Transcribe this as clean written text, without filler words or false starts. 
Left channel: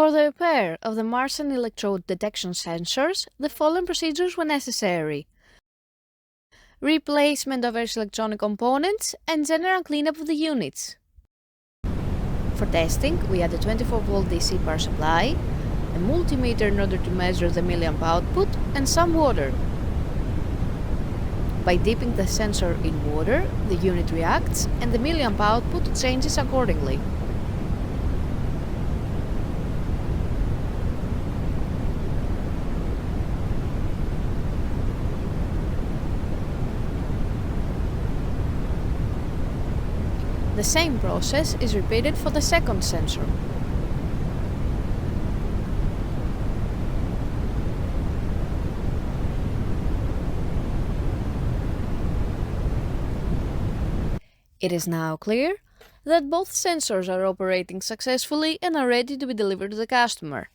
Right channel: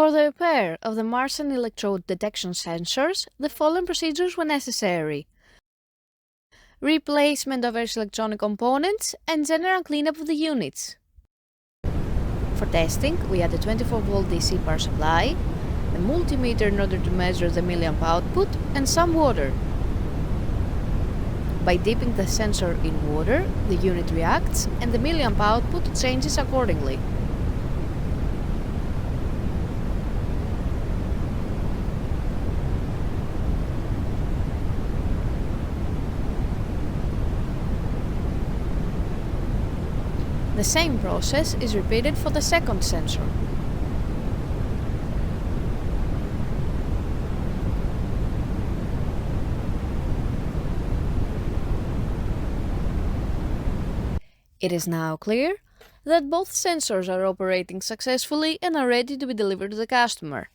For the repair of the Marsen Electrode detection sensors, the following procedures were necessary: replacement of various electronic components and general cleanup of the units. For testing, we had a 24-volt DC power supply, a multimeter in order to measure the milliamp output, and some water. By dipping the sensor in water, the unit reacts and the milliamp output changes accordingly. The same process is repeated for the second sensor. It is now clear that both sensors are operating successfully and are ready to be delivered to the customer.